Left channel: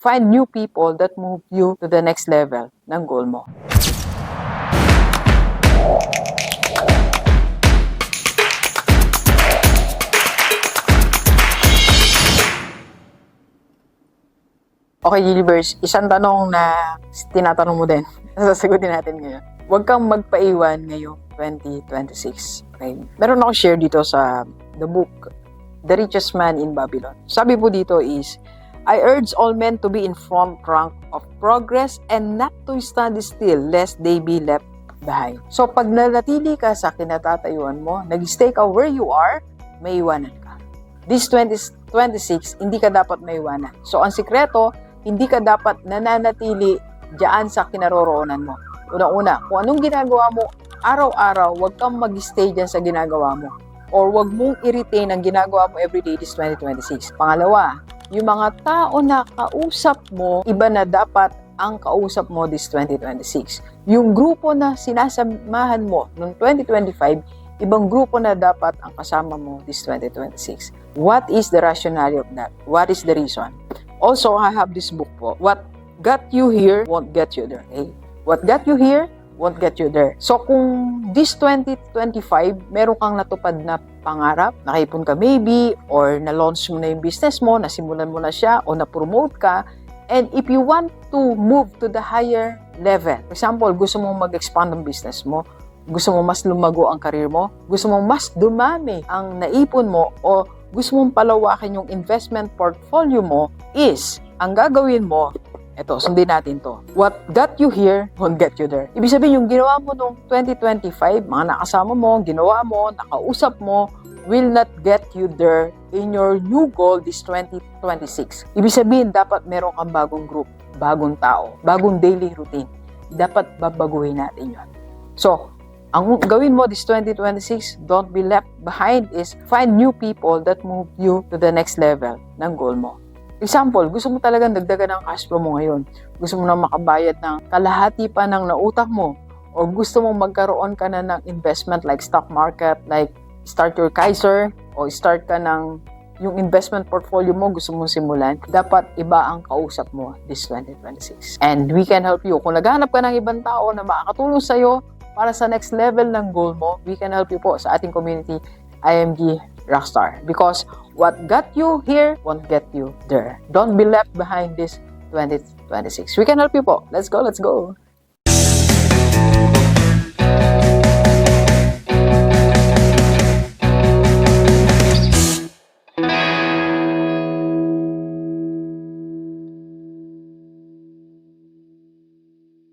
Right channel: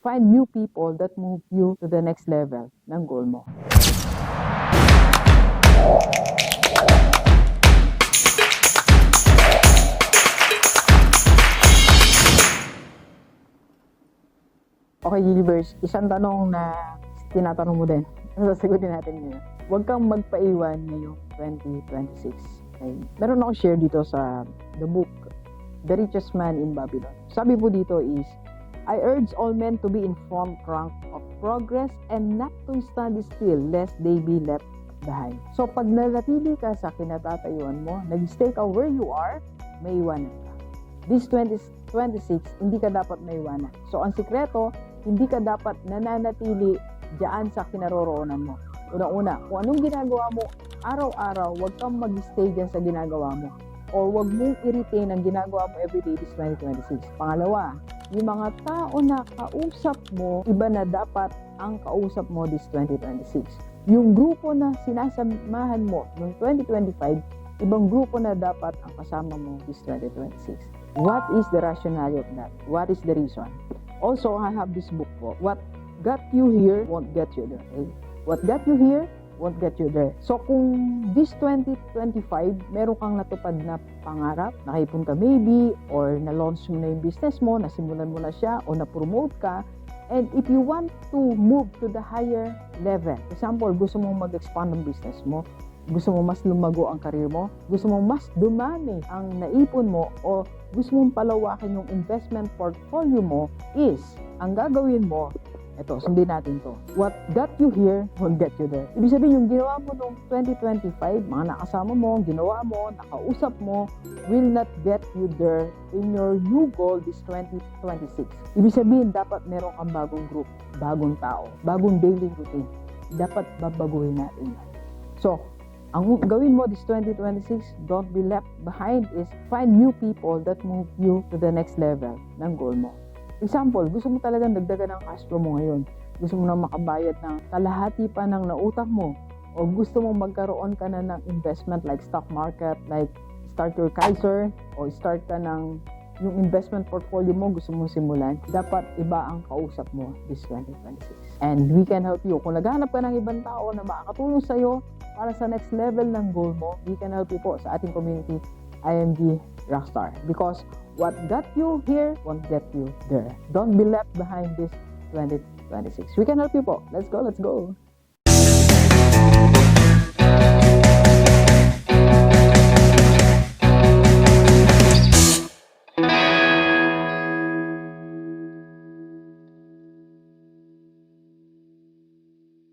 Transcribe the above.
Find new people that move you to the next level ng goal mo. Okay, Universe, isang tanong na tinatanong mo din. Sasagutin natin ngayon. Huwag kang magpaiwan ngayong 2026. Okay? Meron ako share dito sa the book, The Richest Man in Babylon. Sabi po dito is, I urge all men to be in front rank of progress and not to stand still lest they be left behind. So pag nanatili ka sa kinatatayuan mo, nag-stay ka where you are, may iwanan ka. This 2026, hindi ka dapat may iwanan. So ang sikreto, hindi ka dapat nananatili diyan sa kinaroroonan mo. Una-una, kung anong ginagawa mo araw-araw, huwag kang mag-stay diyan sa ginagawa mo. Or huwag mong i-retain ang ginagawa mo everyday this 2026. Pangalawa, yung mga tao na kausap mo, iba na dapat ang kausap mo this 2026. Yung grupo na sinasamahan mo noong 2025, ibang grupo na dapat ang kasama mo this 2026. What is the rationale of that? What is the reason? Also, I have this book po. What got you here won't get you there. Okay? What got you here won't get you there. So kung this 2025, meron kang natupad na pangarap, nakaipon ka maybe, or na-launch mo na yung business mo, nasimulan mo na siya, o na-promote ka, and if you want to move to the higher level, for example, gusto mong mag-expand ang business mo, gusto mo mas lumago ang career mo, gusto mo mas dumami ang naipon mo, o gusto mong palawakin yung investment portfolio mo, is, ang gagawin mo, ito, sundin natin to. What got you here won't get you there. Ibig sabihin, yung ginawa mo noong 2025, mga nakasama mo, ginawa mo, nakausap mo, will not get you there in your new goal this 2026. Ibig sabihin, dapat meron kang bagong group, bagong tao, bagong daily routine. Dapat babaguhin natin yun. So, ang gawin mo this 2026, don't be left behind, is find new people that move you to the next level ng goal mo. Example, gusto mo talagang dagdagan ng cash flow mo ngayon. Gusto mo na makabayad ng kalahati pa ng nautang mo. O gusto mo magkaroon ka na ng investment like stock market, like start your Kaiser, o start ka ng yung investment portfolio mo gusto mong simulan. Dapat iba ang kausap mo this 2026. And we can help you. Kung naghahanap ka ng ibang tao na makakatulong sa'yo para sa next level ng goal mo, we can help you po sa ating community, IMG Rockstar. Because what got you here won't get you there. Don't be left behind this 2026. We can help you po. Let's go, let's go.